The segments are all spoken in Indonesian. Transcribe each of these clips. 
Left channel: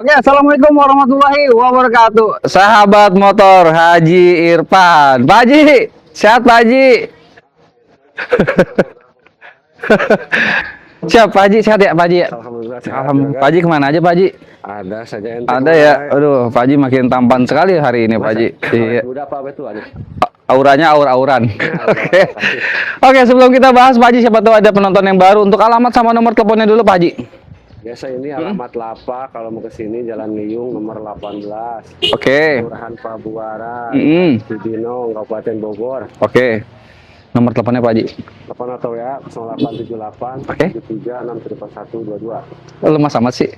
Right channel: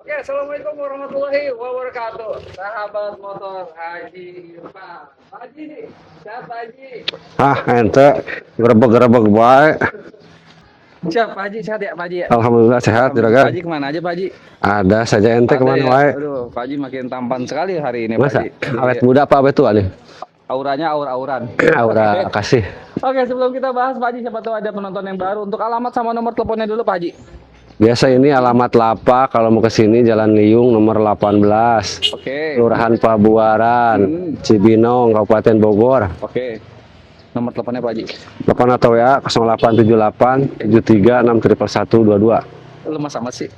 Oke, assalamualaikum warahmatullahi wabarakatuh. Sahabat motor Haji Irfan. Pak Haji, sehat Pak Haji? Ente gerebek-gerebek baik. Siap Pak Haji, sehat ya Pak Haji? Alhamdulillah sehat. Pak Haji kemana aja Pak Haji? Ada saja ente Ada ya? Aduh, Pak Haji makin tampan sekali hari ini Pak Haji. Awet muda apa itu aja? Auranya aur-auran. Aura, kasih. Oke, sebelum kita bahas Pak Haji, siapa tahu ada penonton yang baru. Untuk alamat sama nomor teleponnya dulu Pak Haji. Biasa ini alamat Lapak, kalau mau ke sini Jalan Liung nomor 18. Oke. Kelurahan Pabuaran, Cibinong, Kabupaten Bogor. Oke. Nomor teleponnya Pak Haji. Telepon atau ya 0878 73 6 111 22. Lemas amat sih.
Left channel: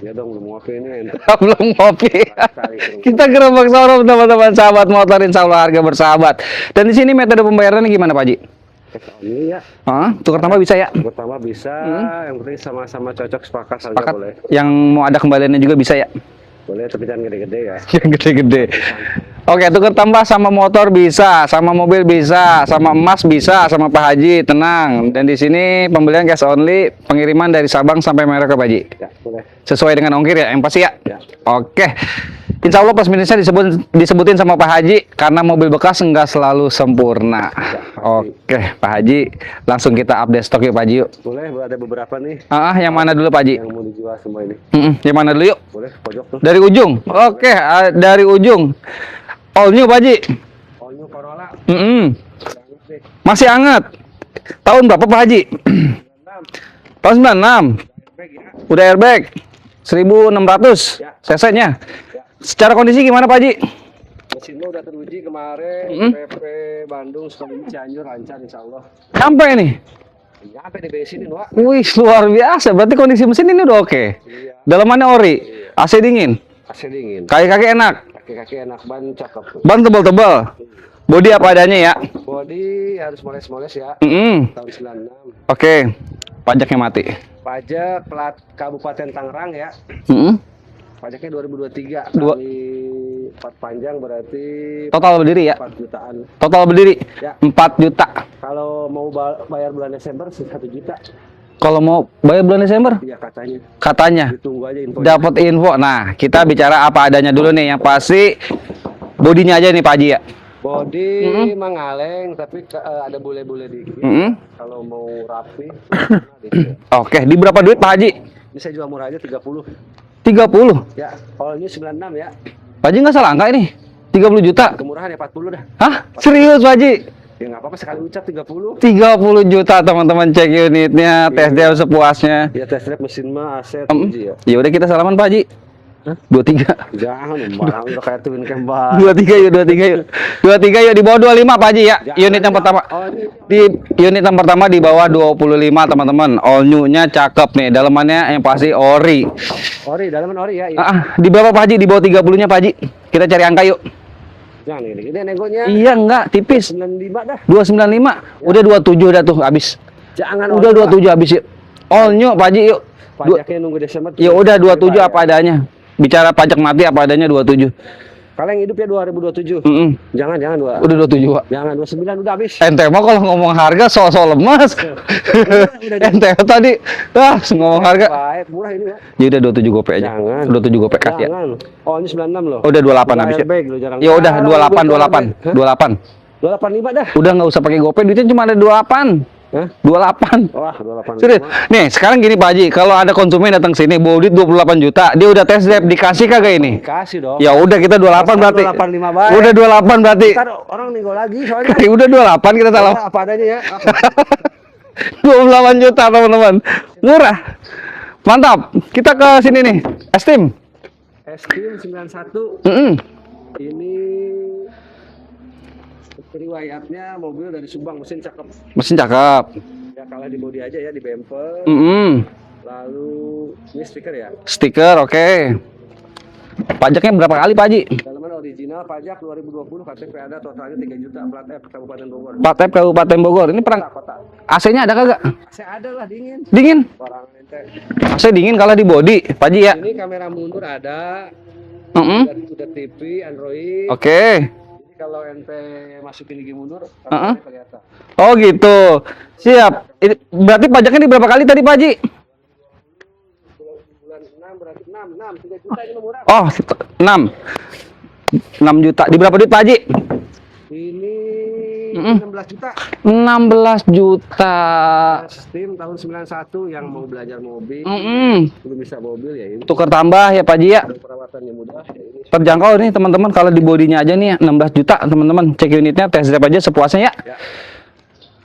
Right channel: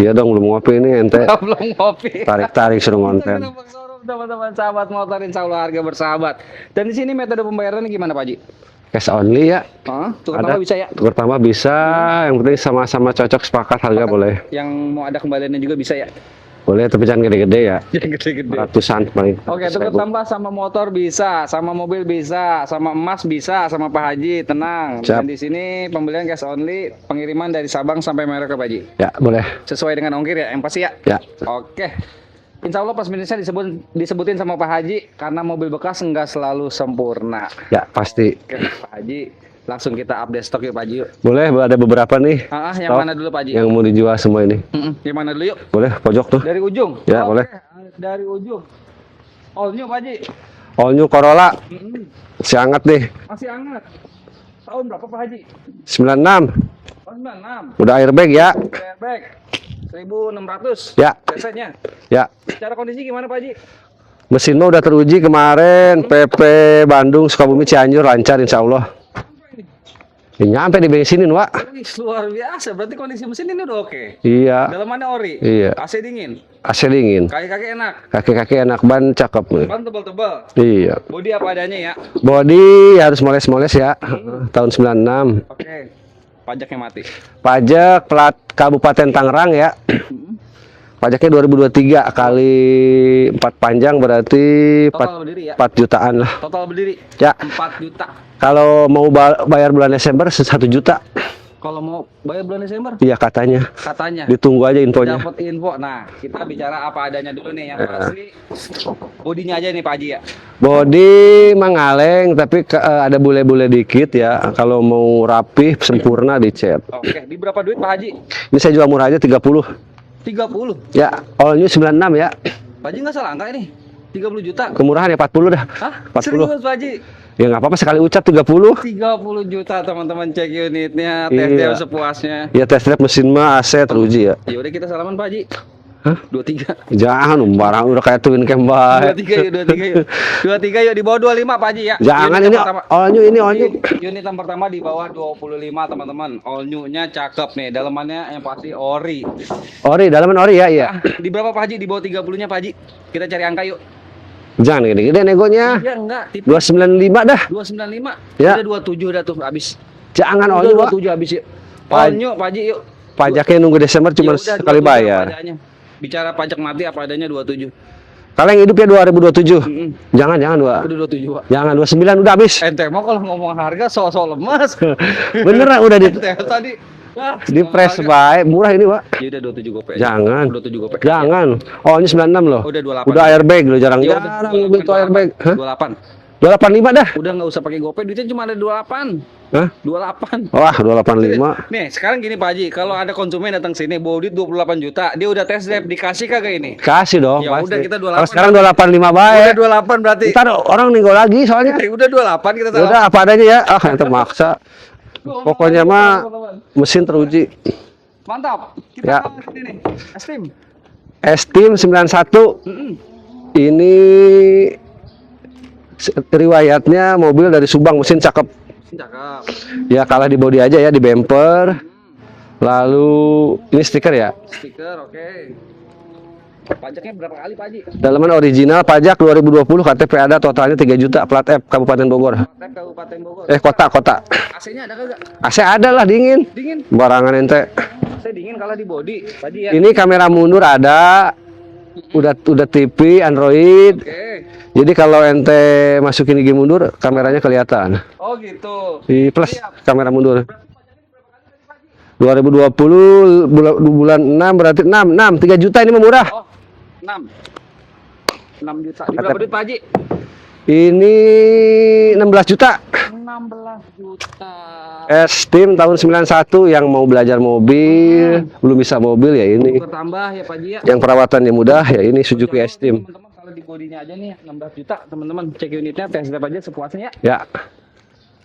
Iya dong, belum ngopi ini ente. Belum ngopi. Tarik-tarik suruh Kita ngonten. gerebek showroom teman-teman sahabat motor, insya Allah harga bersahabat. Dan di sini metode pembayarannya gimana Pak Haji? Cash only ya. Tukar tambah bisa ya? Pertama bisa, yang penting sama-sama cocok sepakat harga boleh. Yang mau ada kembaliannya juga bisa ya? Boleh, tapi jangan gede-gede ya. Yang gede-gede. Ratusan paling. Oke, tukar tambah sama motor bisa, sama mobil bisa, sama emas bisa, sama Pak Haji, tenang. Siap. Dan di sini pembelian cash only, pengiriman dari Sabang sampai Merauke Pak Haji. Ya, boleh. Sesuai dengan ongkir ya, yang pasti ya? Ya. Oke. Insya Allah plus minusnya disebutin sama Pak Haji, karena mobil bekas enggak selalu sempurna. Ya, pasti. Oke, Pak Haji, langsung kita update stok yuk Pak Haji yuk. Boleh, ada beberapa nih. Yang mana dulu Pak Haji? Yang mau dijual semua ini. Yang mana dulu yuk? Boleh, pojok tuh. Dari ujung? Ya, Oke, dari ujung. All new Pak Haji? All new Corolla. Si hangat nih. Masih hangat. Tahun berapa Pak Haji? 96. Tahun 96. Udah airbag ya. Udah airbag. 1600 Ya. cc-nya. Ya. Secara kondisi gimana Pak Haji? Mesin mah udah teruji kemarin. PP Bandung, Sukabumi, Cianjur lancar insya Allah. Sampai nih. Ya, nyampe di bensinin, Wak. Wih, luar biasa. Berarti kondisi mesin ini udah oke. Iya. Dalamannya ori. Iya. AC dingin. AC dingin. Kaki-kaki enak. Kaki-kaki enak, ban cakep. Ban tebal-tebal. Iya. Bodi apa adanya ya. Body harus moles-moles ya. Mm-mm. Tahun 96. Oke. Pajaknya mati. Pajak plat Kabupaten Tangerang ya. Pajaknya 2023 kali 4 panjang berarti Total berdiri ya. 4 jutaan lah. Total berdiri Ya. 4 juta. Kalau mau bayar bulan Desember 1 juta. Kalau mau bayar bulan Desember, Iya katanya. katanya Ditunggu aja infonya. dapat info. Nah, kita bicara apa adanya dulu nih. Yang pasti bodinya aja nih Pak Haji ya. Body mengaleng tapi ada bule-bule dikit ya. Kalau mau rapih sempurna dicat. Oke, di berapa duit Pak Haji? Ini saya jual murah aja 30. 30. Ya, all new 96 ya. Pak Haji nggak salah angka ini. 30 juta. Kemurahan ya 40 dah. Hah? 40. Serius Pak Haji? Ya nggak apa-apa sekali ucap 30. 30 juta teman-teman, cek unitnya, tes drive sepuasnya. Ya test drive mesin mah AC teruji ya. Ya udah kita salaman Pak Haji. Hah? 23. Jangan barang udah kayak twin cam banget. 23 yuk, 23 yuk. 23 yuk di bawah 25 Pak Haji ya. Jangan, Unit yang ini pertama. all new ini all new. Unit yang pertama di bawah 25 teman-teman. All new-nya cakep nih. Dalamannya yang pasti ori. Ori, dalaman ori ya, iya. Di bawah Pak Haji, di bawah 30-nya Pak Haji. Kita cari angka yuk. Jangan gede-gede negonya. Iya enggak, tipis. 295 dah. 295. Ya. Udah 27 udah tuh habis. Jangan Udah all new. 27 habis yuk. All new Pak Haji yuk. Pajaknya nunggu Desember Ya cuma udah sekali 27 bayar. apa adanya. Bicara pajak mati apa adanya 27. Kalau yang hidup ya 2027. Jangan Wak. Udah 27, Pak. Jangan 29 udah habis. Ente mah kalau ngomong harga soal lemas. Beneran udah di Ente tadi ngomong press harga. baik, murah ini, Pak. Ya udah 27 gope aja. Jangan. 27 gope ya. Jangan. Oh, ini 96 loh. Udah 28. Udah aja. airbag lo jarang. Ya udah 28 Hah? 28. 285 dah. Udah nggak usah pakai gope, duitnya cuma ada 28. Hah? 28. Wah, Serius? 285. Nih, sekarang gini Pak Haji, kalau ada konsumen datang sini bawa duit 28 juta, dia udah tes drive, dikasih kagak ini? Kasih dong. Ya udah kita 28 Sekarang berarti. 285 baik. Udah 28 berarti. Ntar orang ninggal lagi soalnya. Udah 28 kita salah. Udah apa adanya ya. Ah, termaksa. 28 Pokoknya juta mah teman-teman. mesin Murah. teruji. Mantap. Kita Ya. ke sini nih. Esteem. Esteem 91. Ini riwayatnya mobil dari Subang, mesin cakep. Mesin cakep. Ya kalah di bodi aja ya, di bumper. Lalu ini stiker ya. Stiker oke. Pajaknya berapa kali Pak Haji? Dalaman original, pajak 2020, KTP ada, totalnya 3 juta, plat F Kabupaten Bogor. Plat F Kabupaten Bogor. Ini Kota. AC-nya ada kagak? AC ada lah, dingin. Dingin. Barangan ente. AC dingin kalah di body, Pak Haji ya. Ini kamera mundur ada. udah TV Android. Oke. Jadi kalau ente masukin gigi mundur, kameranya kelihatan. Oh gitu. Di plus Siap. kamera mundur. Berarti pajaknya di berapa kali tadi Pak Haji? 2020 bulan 6 berarti 6 3 juta ini mah murah. Oh 6 juta. Di berapa duit Pak Haji? Ini 16 juta. 16 juta. Steam tahun 91 yang mau belajar mobil, belum bisa mobil ya ini. Tukar tambah ya Pak Haji ya. Yang perawatannya mudah ya ini Suzuki Terjangkau nih Steam. teman-teman, kalau di bodinya aja nih 16 juta teman-teman. Cek unitnya, test drive aja sepuasnya ya. Ya.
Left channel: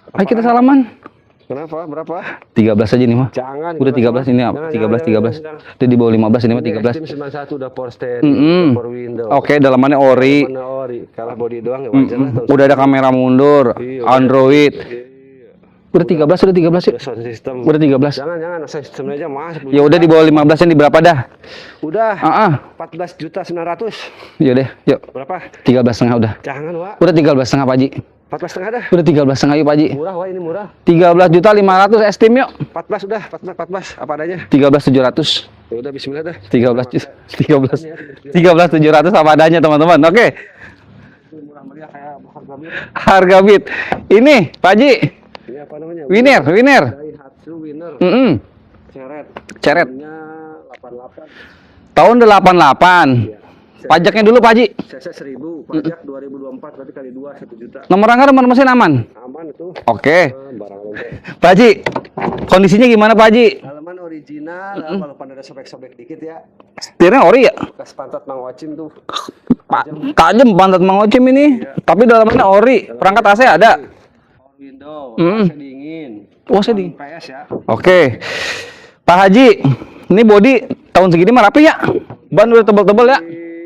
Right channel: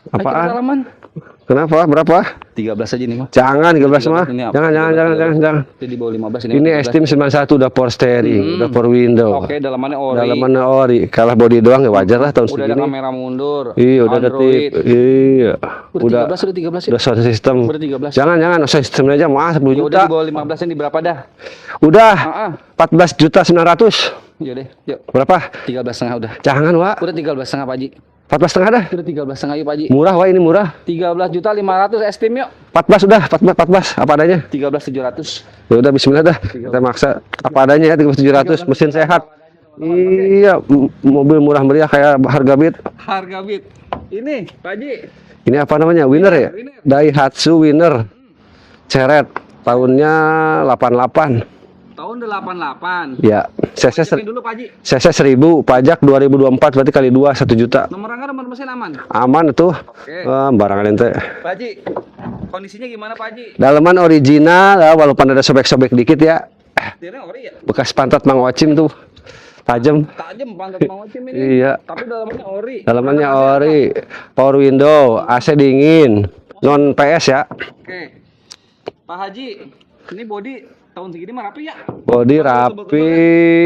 Ayo kita salaman. Kenapa? Berapa? 13 aja nih mah. Jangan 13 mah. ini. Jangan. Itu di bawah 15 ini. Ini Steam 91 udah power steering, udah power window. Oke, dalamannya ori. Dalamannya ori. Kalah body doang ya wajar lah tahun Udah ada segini. kamera mundur, Iya, udah ada Android. Iya. Udah 13 ya. Udah sound system. Udah 13. Jangan sound system aja mas. Ya udah di bawah 15 yang di berapa dah? Udah. Heeh. 14 juta 900. Ya deh, yuk. Berapa? 13,5 udah. Jangan Wak. Udah 13,5 Pak Haji. 14,5 dah. Udah 13,5 yuk Pak Haji. Murah Wak, ini murah. 13 juta 500 estim yuk. 14 udah, 14 apa adanya. 13,700. Ya udah bismillah dah. 13 Kita maksa apa adanya ya 13.700. 13,700 apa adanya teman-teman. Oke. Iya, mobil murah meriah kayak harga beat. Harga beat. Ini Pak Haji. Ini apa namanya? Winner, ya? Winner. Daihatsu Winner. Ceret. Ceret. Tahunnya 88. Tahun 88. Ya. Pajaknya dulu Pak Haji. CC 1000, pajak 2024 berarti kali 2 1 juta. Nomor rangka nomor mesin aman. Aman itu. Oke. Barangan ente. Pak Haji, kondisinya gimana Pak Haji? Dalaman original, ya, walaupun ada sobek-sobek dikit ya. Setirnya ori ya? Bekas pantat Mang Ocim tuh. Tajam. Tajam pantat Mang Ocim ini. Iya. Tapi dalamannya ori. Dalamannya Perangkat AC ada. ori, power window, AC dingin, Oh, non PS ya. Oke. Pak Haji, ini body tahun segini mah rapi ya? Bodi Ban udah tebel-tebel ya?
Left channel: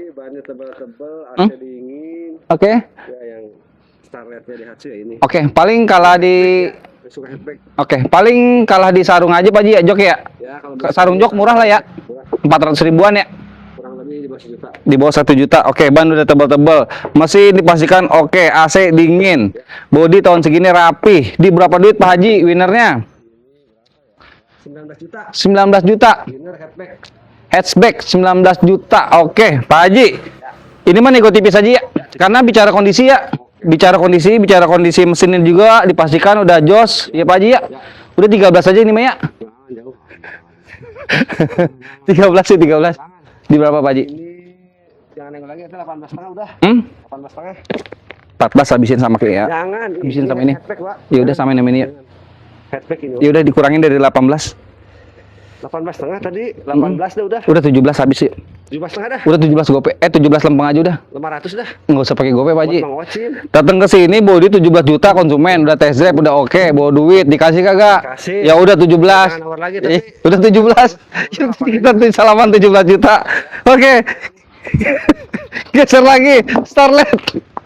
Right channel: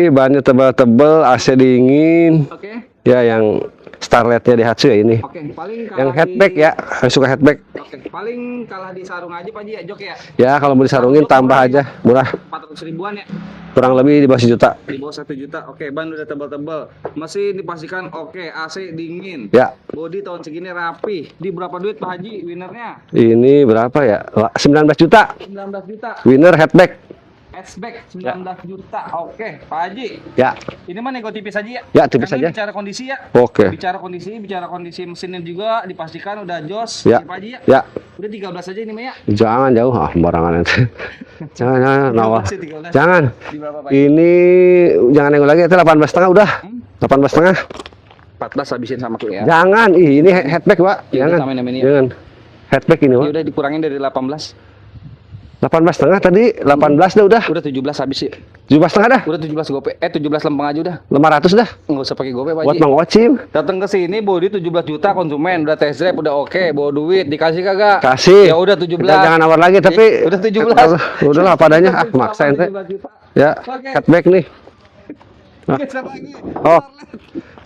bannya tebel-tebel, AC dingin. Oke. Ya yang Starletnya Daihatsu ya ini. Oke, paling kalah Yang di hatchback ya, yang suka hatchback. Oke, paling kalah di sarung aja Pak Haji ya, jok ya? Ya kalau beli Sarung sarungnya jok tambah murah lah ya? aja, murah. 400 ribuan ya? Kurang lebih di bawah 1 juta. Di bawah 1 juta. Oke, ban udah tebel-tebel. Mesin dipastikan oke, AC dingin. Ya. Body tahun segini rapi. Di berapa duit Pak Haji winnernya? Ini berapa ya? 19 juta. 19 juta. Winner hatchback. Hatchback 19 juta. Oke, Pak Haji. Ya. Ini mah nego tipis aja ya? Ya, tipis Karena aja. bicara kondisi ya. Oke. Bicara kondisi mesinnya juga dipastikan udah jos. Ya, Ya. Pak Haji ya? Ya. Udah 13 aja ini mah ya? Jangan jauh, barangan ente. jangan. 13 sih, 13. Jangan. Di berapa Pak Haji? Ini jangan nengok lagi, itu 18,5 udah. 18,5. 14 habisin sama klien ya. Jangan, ini sama ini. hatchback, Pak. Ya udah, Jangan. samain sama ini ya. Jangan. Hatchback ini, Pak. Ya udah dikurangin dari 18. 18,5 tadi, 18 dah udah. Udah 17 habis sih. 17,5 dah. Udah 17 gope. 17 lempeng aja udah. 500 dah. Nggak usah pakai gope Pak Buat Haji. Mang Ocim. Datang ke sini body 17 juta konsumen, udah test drive, udah oke, bawa duit, dikasih kagak? Kasih. Ya udah 17. Jangan nawar lagi, tapi udah 17. Udah lah, apa adanya. Nanti salaman 17 juta. Ya. Oke. Hatchback nih. Geser lagi. Oh. Starlet.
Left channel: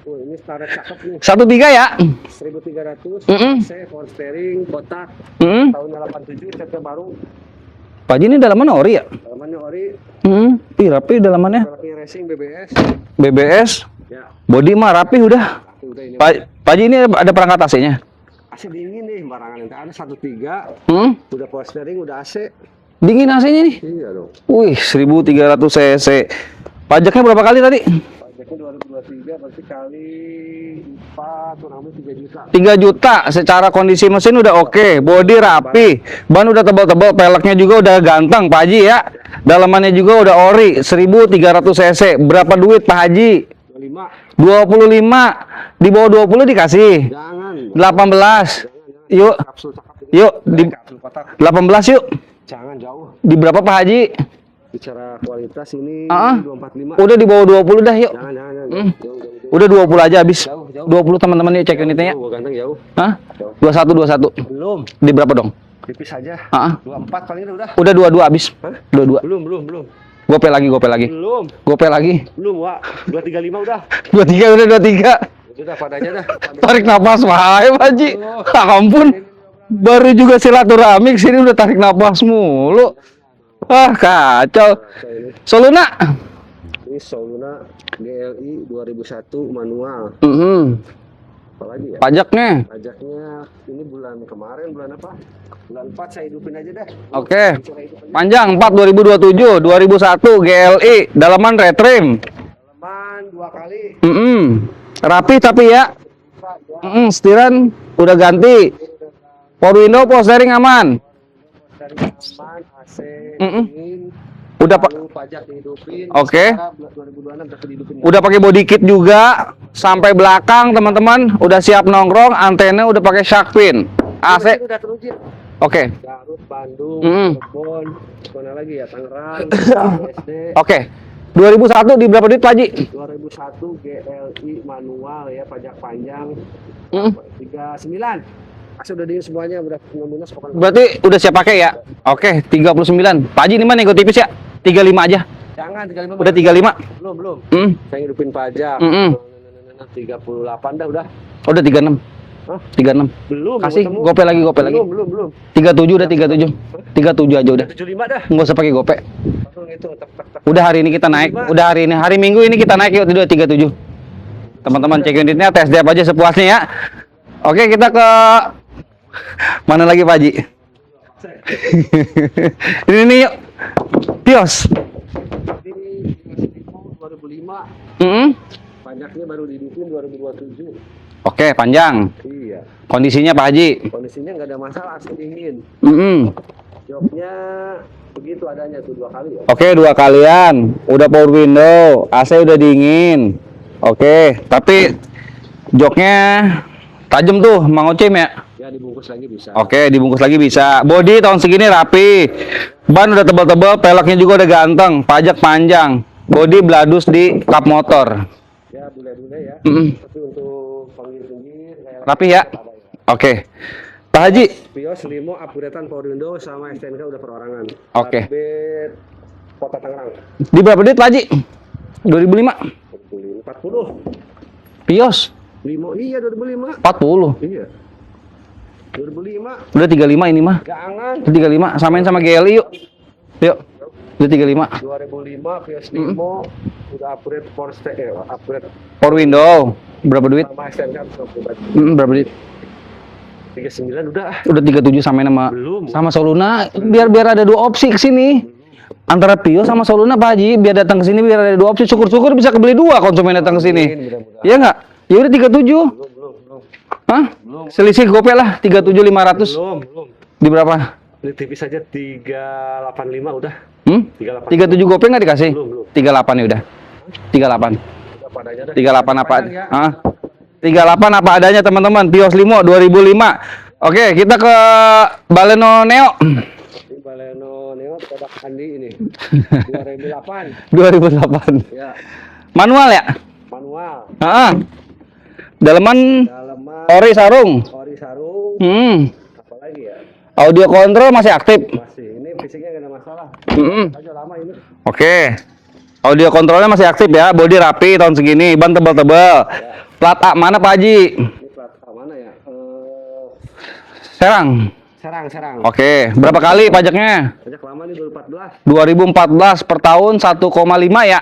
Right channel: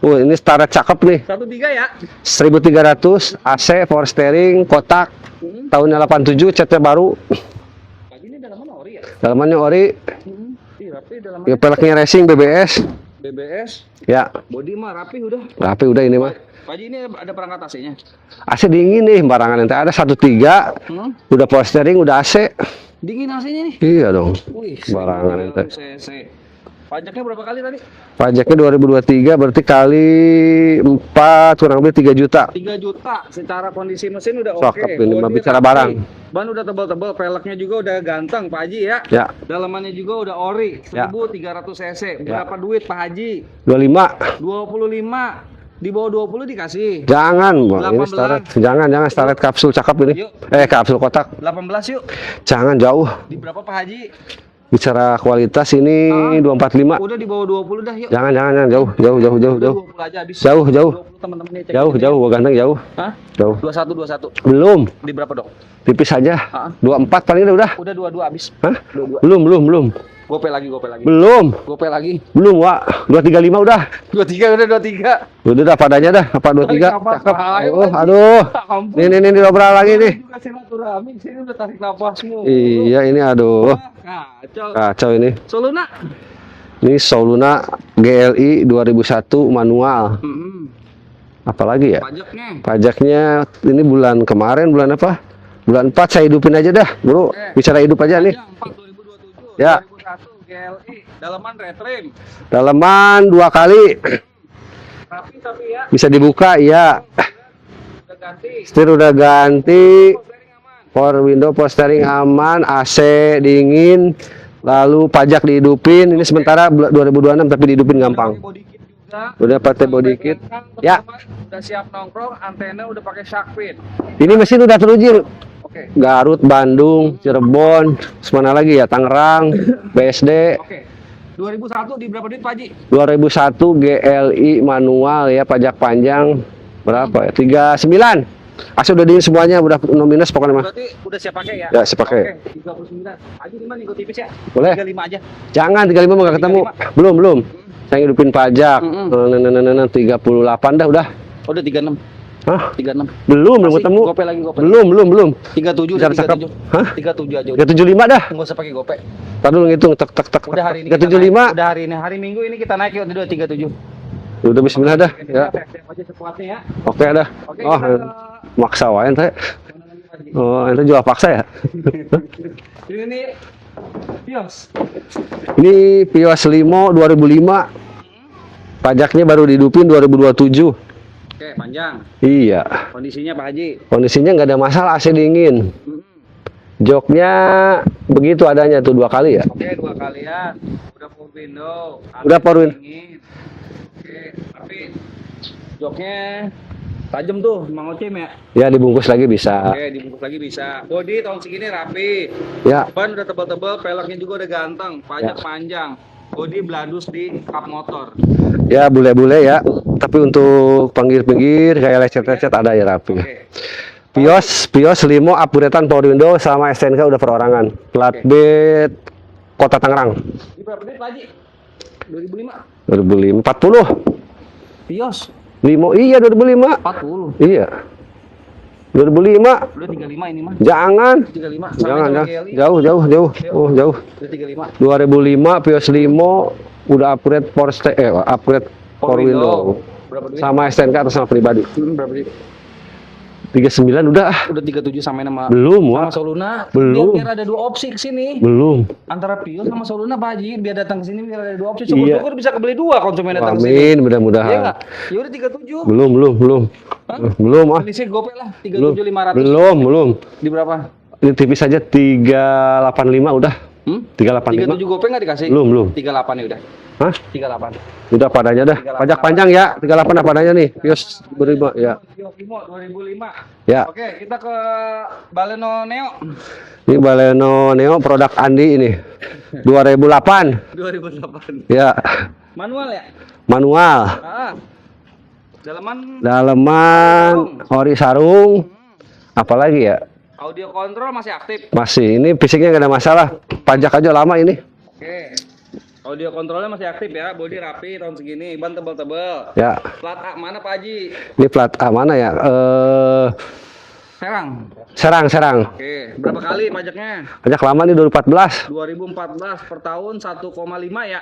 Ini Starlet cakep nih. 13 ya. 1300 AC, power steering, kotak. Tahunnya 87, catnya baru. Pak Haji ini dalamannya ori ya? Dalamannya ori. Ih, rapi dalamannya. Peleknya racing BBS. BBS. Ya, Body mah rapi udah. rapi udah ini. Pak Haji ini ada perangkat AC-nya. AC dingin nih, barangan ente ada 1.3. Udah power steering, udah AC. Dingin AC-nya nih. Iya dong. Wih, 1300 cc. Pajaknya berapa kali tadi? Pajaknya 2023 berarti kali 4 kurang lebih 3 juta. 3 juta. Secara kondisi mesin udah oke, Cakep ini, body bicara rapi, ban udah tebal-tebal, peleknya juga udah ganteng Pak Haji ya. Ya. Dalamannya juga udah ori, 1300 cc. Berapa duit Pak Haji? 25. 25. Di bawah 20 dikasih. Jangan. 18. Jangan Yuk. Starlet kapsul cakep ini. Yuk. Kapsul kotak. 18 yuk. Jangan jauh. Di berapa Pak Haji? Bicara kualitas ini 245. Udah di bawah 20 dah yuk. Jangan jauh. Udah 20 aja habis. Jauh. 20 teman-teman yuk cek Jauh, unitnya ya. gua ganteng jauh. Hah? Jauh. 21. Belum. Di berapa dong? Tipis aja. 24 paling udah. Udah 22 habis. Hah? 22. Belum. Gope lagi. Belum. Gope lagi. Belum, Wak. 235 udah. 23 udah 23. Udah dah padanya dah. Apa 23? Tarik napas wahai Pak Haji. Aduh. Ampun. Ini dobrak lagi. Baru nih. juga silaturahmi sini udah tarik napas mulu. Iya, ini aduh. Wah, kacau. Kacau ini. Soluna. Ini Soluna GLI 2001 manual. Apalagi ya? Pajaknya. Pajaknya ini bulan kemarin bulan apa? Bulan 4 saya hidupin aja dah. Bro, Oke. bicara hidup aja nih. Panjang 4 2027, Ya. 2001 GLI, dalaman retrim. Dalaman 2 kali. Rapi tapi ya. Bisa dibuka, iya. Setiran udah ganti. Setir udah ganti. Power window, power steering aman. Power window, power steering aman, AC dingin. Udah Lalu pajak dihidupin. Ini Oke. sementara 2026 tapi dihidupin gampang. Udah pakai body kit juga. Udah pakai Sampai body kit. belakang teman-teman. Udah siap nongkrong. Antena udah pakai shark fin. Ini mesin udah teruji. Oke. Garut, Bandung, Cirebon, mana lagi ya? Tangerang, BSD. Oke. 2001 di berapa duit Pak Haji? 2001 GLI manual ya, pajak panjang berapa ya? 39. Asal udah dingin semuanya, udah no minus pokoknya mas. Berarti udah siap pakai ya? Ya, siap pakai. Oke, 39. Pak Haji ini mah nego tipis ya? Boleh. 35 aja. Jangan 35 Udah nggak 35? ketemu. Belum. Saya hidupin pajak. 38 dah udah. Udah 36. Hah? 36. Belum Kasih, ketemu. gope lagi. Belum. 37 udah Udah 37. Hah? 37 aja Udah udah. 75 dah. Enggak usah pakai gope. Tadi dulu ngitung tek. Udah hari ini kita naik. Udah hari ini. Hari Minggu ini kita naik ya udah 37. Udah Teman-teman cek unitnya, ya. tes drive aja sepuasnya ya. Oke dah. Oke, kita ke maksa wae ente. mana lagi Pak Haji? Oh, ente jual paksa ya? Ini nih yuk. Pios. Ini Pios Limo 2005. Pajaknya baru dihidupin 2027. Oke, panjang. Iya. Kondisinya Pak Haji. Kondisinya nggak ada masalah, AC dingin. Joknya begitu adanya tuh 2 kali ya. Oke, 2 kalian. Udah power window, AC Udah udah power- dingin. Oke, tapi joknya tajam tuh, Mang Ocim ya. Ya dibungkus lagi bisa. Oke, dibungkus lagi bisa. Bodi tahun segini rapi. Ya. Ban udah tebal-tebal, peleknya juga udah ganteng, pajak panjang. Bodi bladus di kap motor. Ya bule-bule ya. Tapi untuk pinggir-pinggir kayak Rapi ya? lecet-lecet ada ya rapi. Oke. Pak Haji, Pios Limo upgradean power window sama STNK udah perorangan. Plat Oke. B Kota Tangerang. di berapa duit Pak Haji? 2005. 2005 40. Pios Limo iya 2005. 40. Iya. 2005. Udah 35 ini mah. Jangan. 35 samain sama Jangan. GLI yuk. Jauh. Jauh. Udah 35. 2005 Pios Limo udah upgrade upgrade Power window. Berapa duit? sama STNK atas nama pribadi. Berapa duit? 39 udah. Udah 37 samain sama Belum, sama Wak. Soluna. Belum. Biar ada 2 opsi ke sini. Belum. Antara Pio sama Soluna Pak Haji, biar datang ke sini biar ada 2 opsi. Syukur-syukur bisa kebeli 2 konsumen datang ke sini. Amin, mudah-mudahan. Iya enggak? Ya udah 37. Belum. Hah? Belum. Ah. Selisih gope lah 37.500. Belum. Di berapa? Ini tipis aja 385 udah. 385. 37 gope nggak dikasih? Belum. 38 ya udah. Hah? 38. Udah padanya dah. 38 Pajak apa? panjang ya. Hah? 38 apa adanya nih. 38 apa adanya Terus, teman-teman. Pios Limo 2005. Ya. Oke, kita ke Baleno Neo. Ini Baleno Neo produk Andi ini. 2008. 2008. Ya. Manual ya? Manual. Heeh. Dalaman Dalaman. Ori sarung. Apalagi ya? Audio kontrol masih aktif. Masih. Ini fisiknya nggak ada masalah. Pajak aja lama ini. Oke. Audio kontrolnya masih aktif ya. Bodi rapi tahun segini. Ban tebal-tebal. Ya. Plat A mana Pak Haji? Ini plat A mana ya? Serang. Serang. Oke. Berapa kali pajaknya? Pajak lama nih 2014. 2014 per tahun 1,5 ya.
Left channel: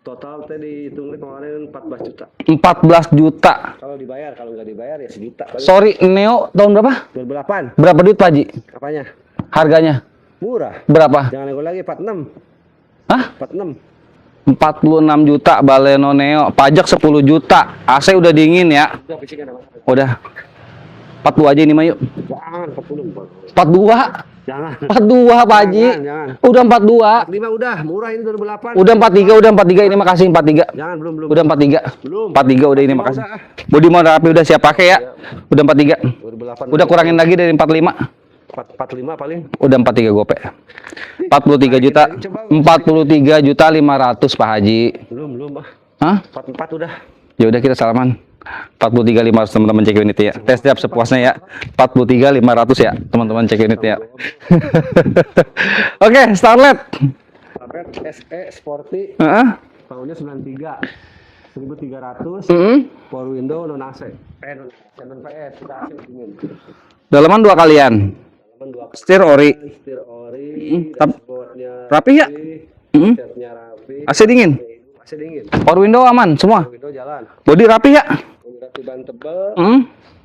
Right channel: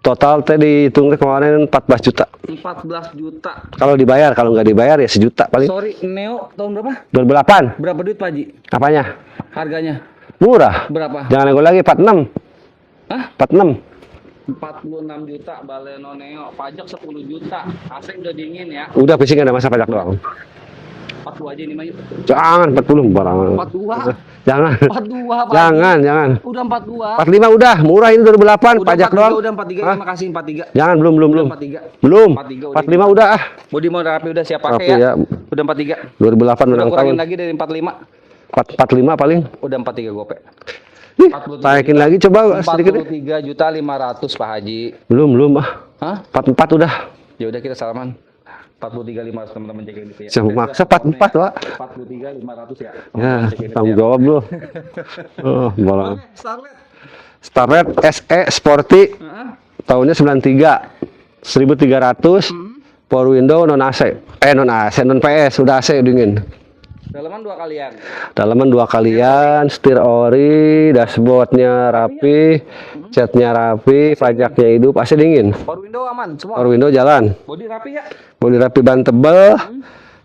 Total teh dihitung teh kemarin 14 juta. 14 juta. Kalau dibayar, kalau nggak dibayar ya sejuta paling. Sorry, Neo tahun berapa? 2008. Berapa duit Pak Haji? Apanya? Harganya? Murah. Berapa? Jangan nego lagi 46. Hah? 46. 46 juta Baleno Neo. Pajak 10 juta. AC udah dingin ya. Udah fisik nggak ada masa pajak. Udah. 42 aja ini mah yuk. Jangan 40 barang. 42. Jangan. 42 Pak Haji. Jangan. Udah 42. 45 udah, murah ini 2008. Udah pajak 43, doang. udah 43 ini makasih 43. Jangan belum. Udah 43. Belum. 43 udah ini. 45 makasih. udah ah. Bodi mau rapi udah siap pakai Rapi ya. ya. Udah 43. 2008 Udah kurangin lagi dari 45. 45 paling. Udah 43 gope. 43 Taikin juta. lagi, coba, 43 juta 500 Pak Haji. Belum ah. Hah? 44 udah. Ya udah kita salaman. 43 500 teman-teman cek unit ya. Jangan Tes setiap maksa, sepuasnya ya. 44, 43 500 ya teman-teman cek unit ya. Tanggung jawab bro. Oke, Starlet. Starlet SE Sporty Heeh. tahunnya 93. 1300. Power window non AC. Non AC, non PS, udah AC dingin. Dalaman 2 kalian. Dalaman 2 kalian, Setir ori. dashboardnya Rapi ya? catnya rapi, AC dingin? pajaknya hidup, AC dingin. Power window aman semua. Power window jalan, Bodi rapi ya. bodi rapi ban tebel,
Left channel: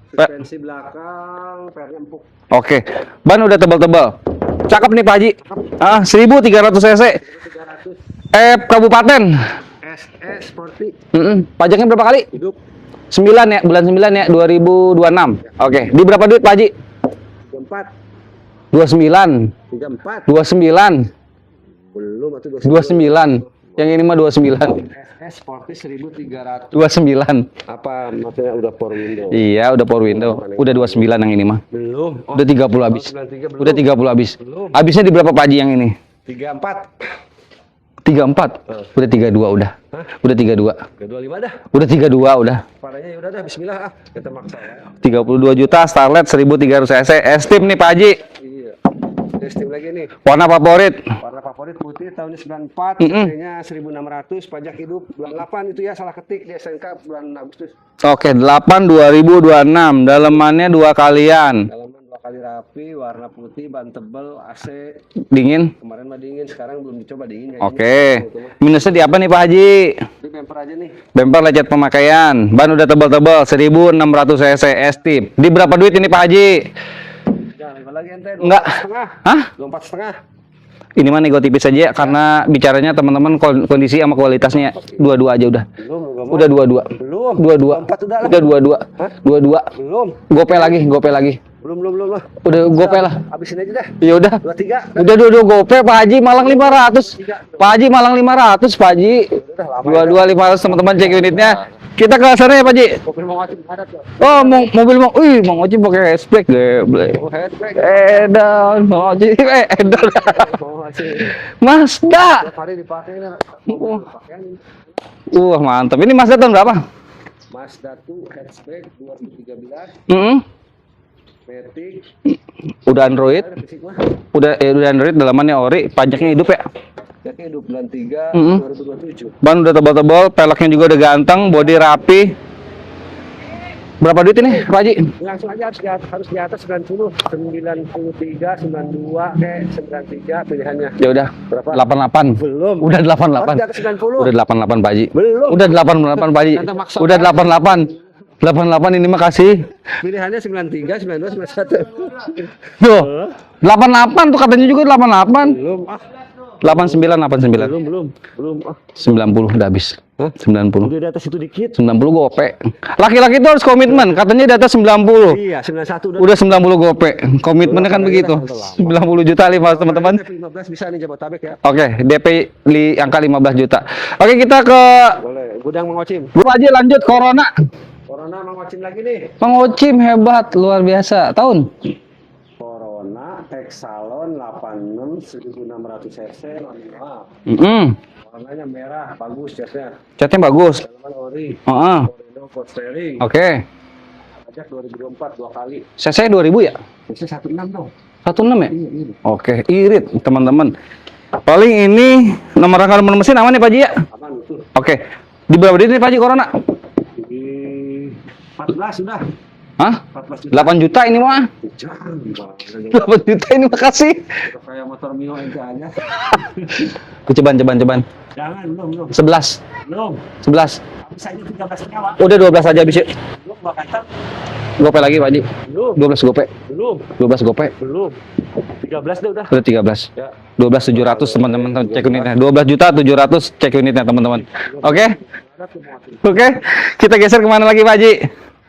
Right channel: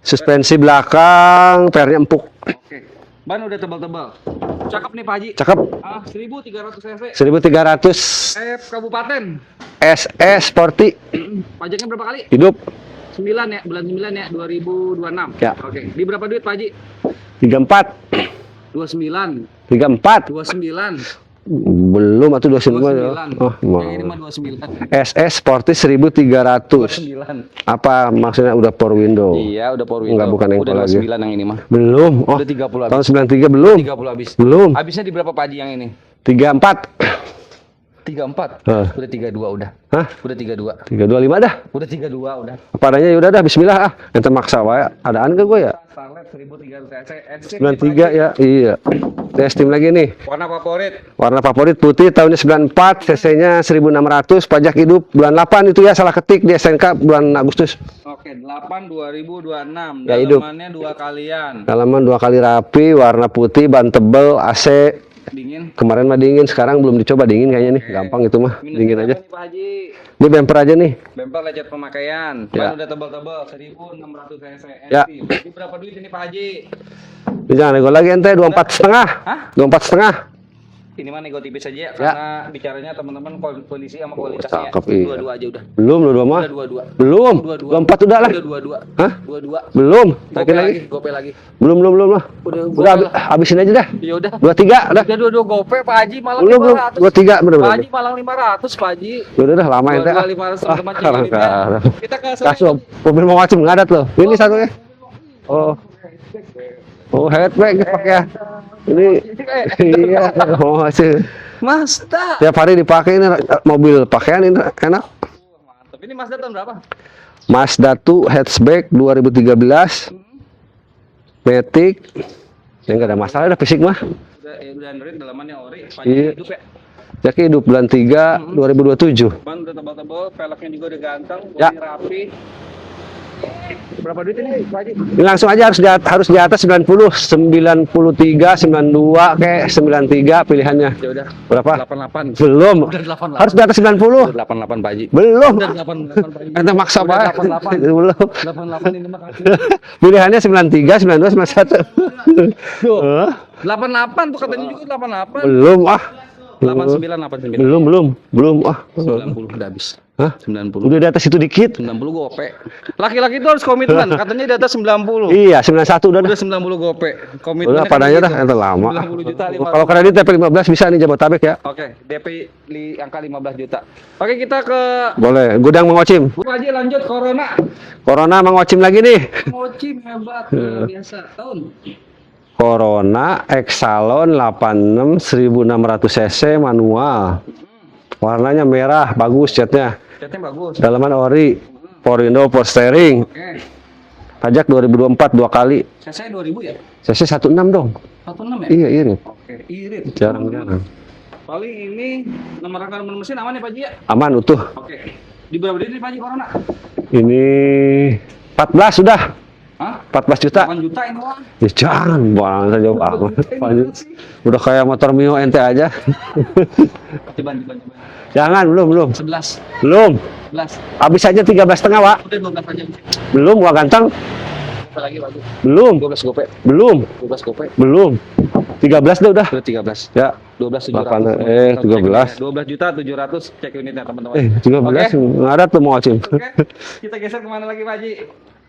suspensi belakang, pernya empuk. Oke. Ban udah tebal-tebal. Cakep nih Pak Haji. Cakep. 1300 cc. 1300 Kabupaten. SS Sporty. Pajaknya berapa kali? Hidup 9 ya, bulan 9 ya, 2026. Ya. Oke. Di berapa duit Pak Haji? 34 29. 34 29. belum atau 29. 29. Oh, Yang ini mah 29. SS Sporty 1300. 29. Apa maksudnya udah power window? Iya, udah power window. Bukan yang Udah power 29 yang ini mah. Belum. Oh, Udah 30 habis. tahun 93 belum. Udah 30 habis. Belum. Habisnya di berapa Pak Haji yang ini? 34. 34. Udah 32 udah. Hah? Udah 32. 325 dah. Udah 32 udah. Apa adanya ya udah dah bismillah ah. Ente maksa wae. 32 juta Starlet 1300 cc. S-Tip nih Pak Haji. Ya, iya. Testing lagi nih. Warna favorit. Warna favorit putih tahunnya 94, cc-nya 1600, pajak hidup bulan 8 itu ya salah ketik di SNK bulan Agustus. Oke, 8 2026. Dalamannya 2 kalian. Dalaman 2 kali rapi, warna putih, ban tebel, AC Dingin. kemarin mah dingin, sekarang belum dicoba dingin kayaknya nih. Oke. Gampang itu mah. Minusnya di Dingin apa aja. nih Pak Haji? Ini bumper aja nih. Bumper lecet pemakaian. Ban udah tebal-tebal 1600 cc S-Tip. Di berapa duit ini Pak Haji? Jangan nego lagi ente 24,5. Hah? 24,5. Ini mah nego tipis aja karena bicaranya teman-teman kondisi sama kualitasnya Cakep, iya. dua-dua aja udah. Belum dua mah. Udah dua-dua. Belum. 22. 24 udah lah. Udah dua-dua. Hah? Dua-dua. Belum. Gope lagi, gope lagi. Belum lah. Udah gope Udah, lah. habisin aja dah. Ya udah. 23 Udah dua gope Pak Haji Malang Belum, 500. 23 bener. Pak Haji Malang 500 Pak Haji. Udah lama ya. Dua 500 teman-teman cek unitnya. Sekarang. Kita ke sana ya Pak Haji. Mobil mau ngacim ngadat loh. Oh, sana. mobil mau, Mang Haji pakai hatchback geblek. Oh, headback. Edan, Mang Haji. Edan. Iya, mau ngacim. Mazda. Tiap hari dipakai ini mobil pakaian ini enak. Mantap. Ini Mazda tahun berapa? Mazda 2 hatchback 2013, Matic. Udah Nggak ada Android. masalah, udah fisik mah. Udah Android, dalamannya ori, pajaknya hidup ya. Jadi hidup bulan 3 2027. Ban udah tebal-tebal, peleknya juga udah ganteng, bodi rapi. Berapa duit ini, Pak Haji? Ini langsung aja harus di atas 90, 93, 92 kayak 93 pilihannya. Ya udah, Berapa? 88. Belum. Udah 88. Harus di atas 90. Udah 88 Pak Haji. Belum. Udah 88 Pak Haji. Ente maksa Udah banget. 88. Belum. 88 ini mah kasih. Pilihannya 93, 92, 91. Tuh. 88 tuh katanya juga 88. Belum ah. 89. Belum ah. 90 udah habis. Hah? 90. Udah di atas itu dikit. 90 gope. Laki-laki itu harus komitmen. Katanya di atas 90. Iya, 91 Udah 90 gope. Komitmennya kan padahal begitu. dah, itu lama. 90 juta 5 Kalau kredit DP 15 bisa nih Jabotabek ya. Oke, DP di angka 15 juta. Oke, kita ke Boleh. Gudang Mang Ocim. Bro aja lanjut Corona. Corona Mang Ocim lagi nih. Mang Ocim hebat, luar biasa. Tahun Corona Exalon 86 1600 cc manual. Warnanya merah, bagus catnya. Catnya bagus. Dalaman ori. Heeh. Power window, power steering. Oke. Pajak 2024 2 kali. CC 2000 ya? CC 16 dong. 16 ya? Iya, ini. Oke, irit Jangan. teman-teman. Paling ini nomor rangka nomor mesin aman ya Pak Haji ya? Aman utuh. Oke. Di berapa duit nih Pak Haji Corona? Ini 14 sudah. Hah? 14 juta. 8 juta ini mah. Ya jangan, bang. Saya jauh 8 juta ini makasih. Udah kayak motor Mio ente aja. Ceban. Jangan, belum. 11. Belum. 11. Habis aja 13,5, Wak. Udah 12 aja habis ya. Belum, Wak ganteng. Gope lagi Pak Haji. Belum. 12 gope. Belum. 12 gope. Belum. 13 dah udah. Udah 13. Ya. 12.700 teman-teman cek 13. unitnya. 12 juta 700 cek unitnya teman-teman. 13. Oke. Nggak ada tuh mau Ocim. Oke. Kita geser kemana lagi Pak Haji?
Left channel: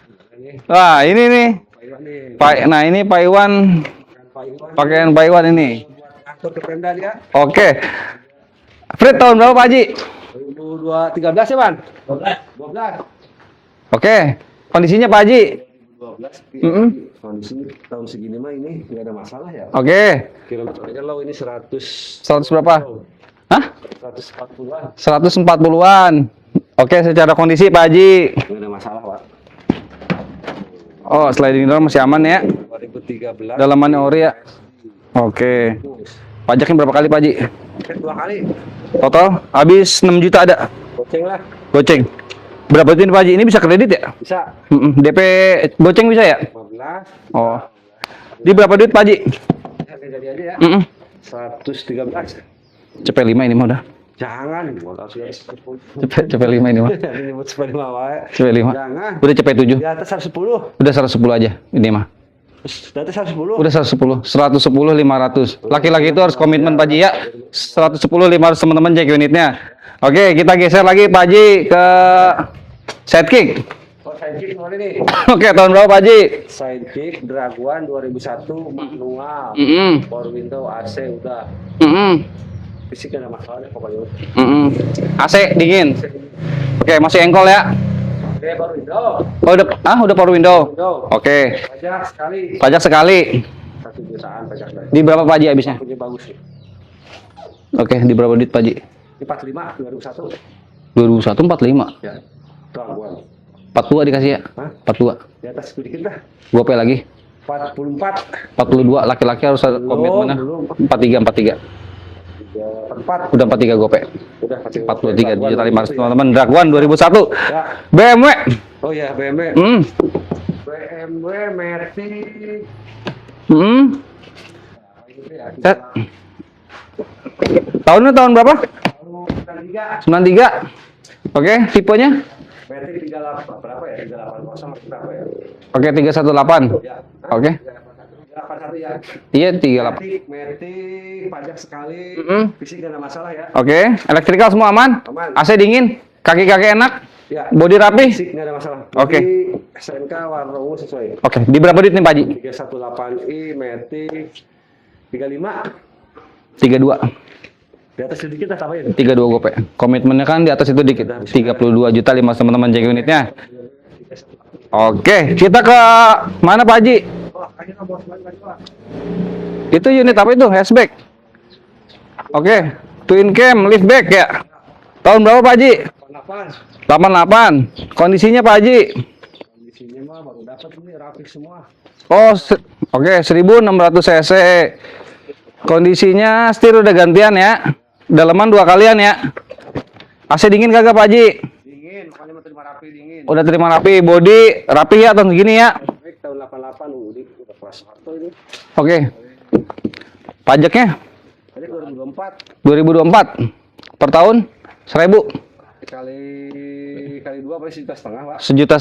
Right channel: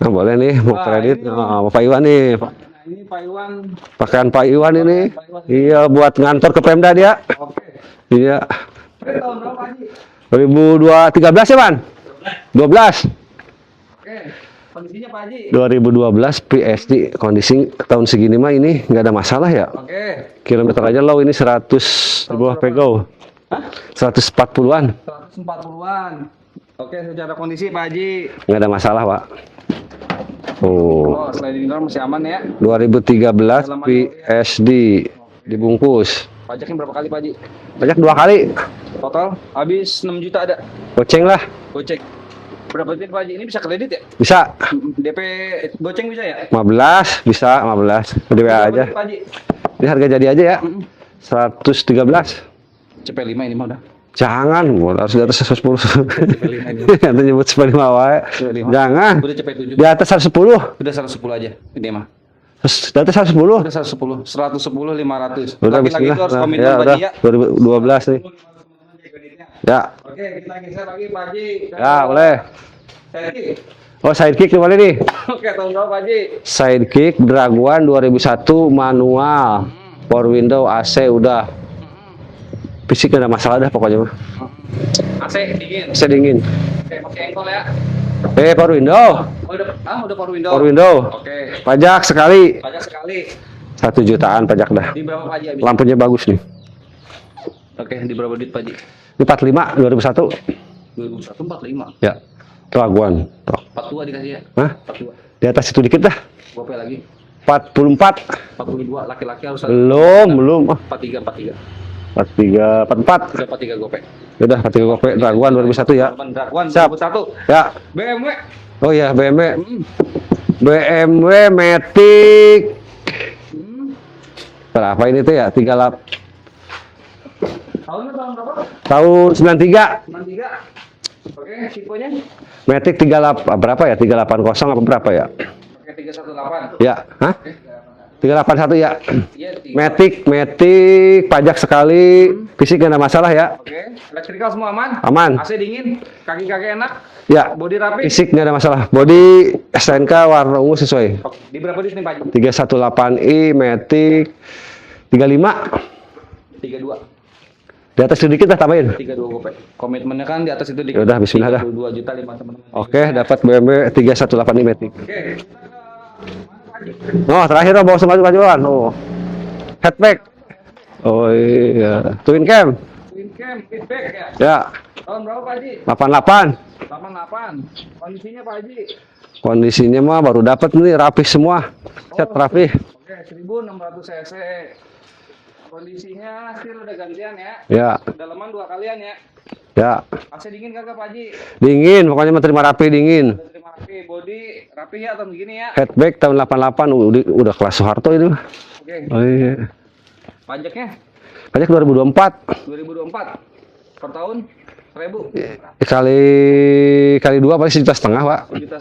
Nah, boleh nih. Wah, ini nih. Nah, Pak Iwan nih. Nah ini Pak Iwan. Pakaian Pak Iwan ini. Pakaian Pak Iwan ini. Iya, buat ngantor ke Pemda dia. Oke. Iya. Fred tahun berapa Pak Haji? 2013 ya, Ban? 12. Oke. Kondisinya Pak Haji? 2012 PSD kondisi tahun segini mah ini nggak ada masalah ya. Oke. Kilometer aja low ini 100 berapa? Hah? 140-an. 140-an. Oke, secara kondisi Pak Haji. Nggak ada masalah, Pak. Oh. Oh, sliding door masih aman ya? 2013 Dalamannya ori ya? PSD. Oke. Dibungkus. Pajaknya berapa kali Pak Haji? Pajak 2 kali. Total habis 6 juta ada. Goceng lah. Goceng. Berapa itu Pak Haji? Ini bisa kredit ya? Bisa. DP goceng bisa ya? 15 bisa, Oh. 15. Ini berapa duit Pak Haji? Ini harga jadi aja ya. 113. CP5 ini mah udah. Jangan, harus di atas 110. CP5 ini mah. Nanti nyebut 95 wae. CP5. Jangan. Udah CP7. Di atas 110. Udah 110 aja ini mah. Data 110. Udah 110, 110 500. Udah, Laki-laki itu harus bismillah. komitmen Ya, Pak Haji ya. 2012 110 500 teman-teman cek unitnya. Ya. Oke, kita geser lagi Pak Haji ke Ya, boleh. sidekick. Oh, sidekick gimana nih? Oke, tahun berapa Pak Haji? Sidekick Draguan 2001 manual. Power window, AC udah. Fisik nggak ada masalah dah pokoknya mah. AC dingin. AC dingin. Oke, masih engkol ya. Power window. Oh, udah power window. Power window. Oke. Pajak sekali. Pajak sekali. 1 jutaan pajak dah. Di berapa Pak Haji habisnya? Lampunya bagus nih. Oke, di berapa duit Pak Haji? Ini 45 2001. 2001 45. Ya. Draguan. 42 dikasih ya? Hah? 42. Di atas itu dikit dah. Gope lagi. 44. 42 laki-laki harus ada Belum. 43. 43, 44. Udah 43 gope. Udah 43 gope. 43 Draguan juta 2001 ya. teman-teman. Draguan Siap. 2001. Ya. BMW. Oh ya, BMW. Hmm. BMW Matic. Hmm. Berapa ini tuh ya? 38. Tahunnya tahun berapa? Tahun 93. 93. Oke, tipenya? Matic 38 berapa ya? 380 apa berapa ya? Oke, 318. Ya. Hah? Oke. 381 ya. Iya, 3. Matic pajak sekali. Fisik nggak ada masalah ya. Oke, elektrikal semua aman? Aman. AC dingin, kaki-kaki enak, Ya. body rapi. Fisik nggak ada masalah. Body STNK warna ungu sesuai. Oke, di berapa duit nih Pak Haji? 318i Matic 35. 32. Di atas sedikit lah tambahin. 32 gope. Komitmennya kan di atas itu dikit. Udah, bismillah. 32 juta 5 teman-teman cek Oke, unitnya. dapat BMW 318i Matic. Oke, kita ke mana Pak Haji? Oh, terakhir bawa maju-majuan. Oh. Itu unit apa itu? Hatchback. Oh iya. Twin Oke. cam. Twin cam, liftback ya. Ya. Tahun berapa Pak Haji? 88. 88. Kondisinya Pak Haji? Kondisinya mah baru dapat nih rapih semua. Oh, rapih. Oke, 1600 cc. Kondisinya setir udah gantian ya. Ya. Dalaman 2 kalian ya. Ya. AC dingin kagak Pak Haji? Dingin, pokoknya mah terima rapi dingin. Udah terima rapi, body rapi ya tahun segini ya. Headback tahun 88 udah kelas Soeharto itu. Oke. Oh iya. Pajaknya Pajak 2024. 2024 per tahun 1000. Kali 2 paling 1,5 juta, Pak. 1,5 juta.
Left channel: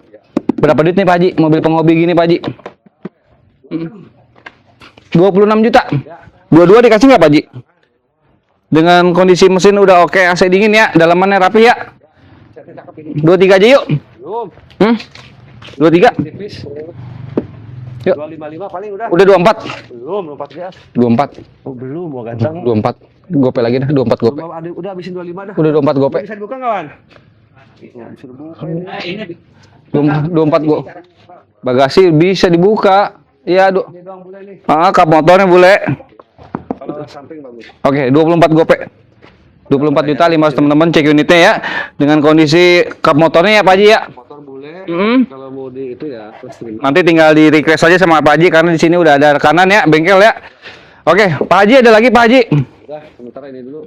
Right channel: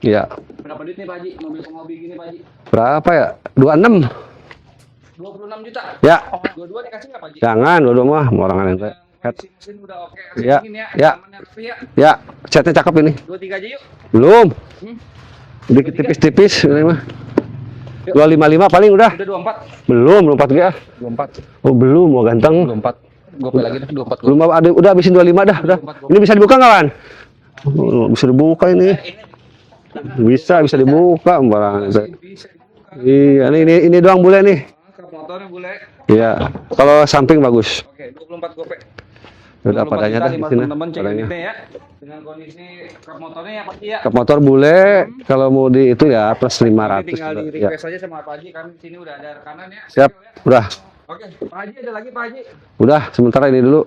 Iya. Berapa duit nih Pak Haji? Mobil penghobi gini Pak Haji? Berapa ya? 26. 26 juta. Ya. Dua-dua dikasih nggak Pak Haji? Jangan, dua mah morangan. Dengan kondisi mesin udah oke, AC Ya. dingin ya, Ya. dalamannya rapi ya. Ya, catnya cakep ini. 23 aja yuk. Belum. 23. Tipis-tipis ini mah. Yuk. 255 paling udah. Udah 24. Belum 4 24. Oh, belum, mau ganteng. 24. Gope lagi dah, 24 gope. Belum udah habisin 25 dah. Udah 24 gope. Ini bisa dibuka nggak, Wan? Oh, bisa dibuka ini. Bisa dibuka, Mbak. Bagasi bisa dibuka. Iya, Iya, ini doang boleh nih. kap motornya boleh. Iya. Kalau samping bagus. Oke, 24 gope. 24 Udah, juta padanya 500 dah, teman-teman cek unitnya ya. Dengan kondisi kap motornya ya Pak Haji ya. Kap motor boleh. Kalau mau di itu ya plus 5. Nanti tinggal di request aja sama Pak Haji karena di sini udah ada rekanan ya, bengkel ya. Udah. Oke, Pak Haji ada lagi Pak Haji. Udah, sementara ini dulu.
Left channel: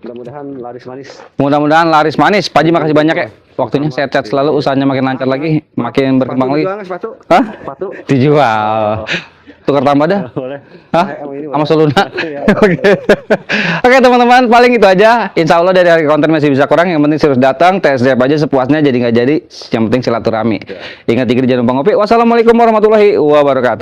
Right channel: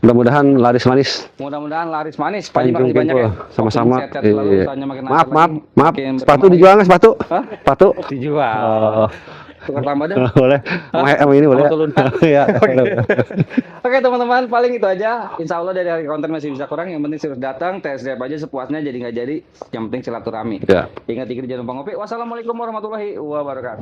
Mudah-mudahan laris manis. Mudah-mudahan laris manis. Pak Haji makasih banyak ya. Waktunya Sama-sama. sehat-sehat selalu, Iya. usahanya makin lancar Maaf, lagi, maaf. makin Sepatu berkembang dijual lagi. nggak sepatu? Hah? Sepatu? Dijual. Tukar tambah dah. Boleh. Sama ini boleh. Sama Soluna. Iya. Oke teman-teman, paling itu aja. Insya Allah dari hari konten masih bisa kurang. Yang penting serius datang, tes drive aja sepuasnya. Jadi nggak jadi. Yang penting silaturahmi. Ya. Ingat dikit jangan lupa ngopi. Wassalamualaikum warahmatullahi wabarakatuh.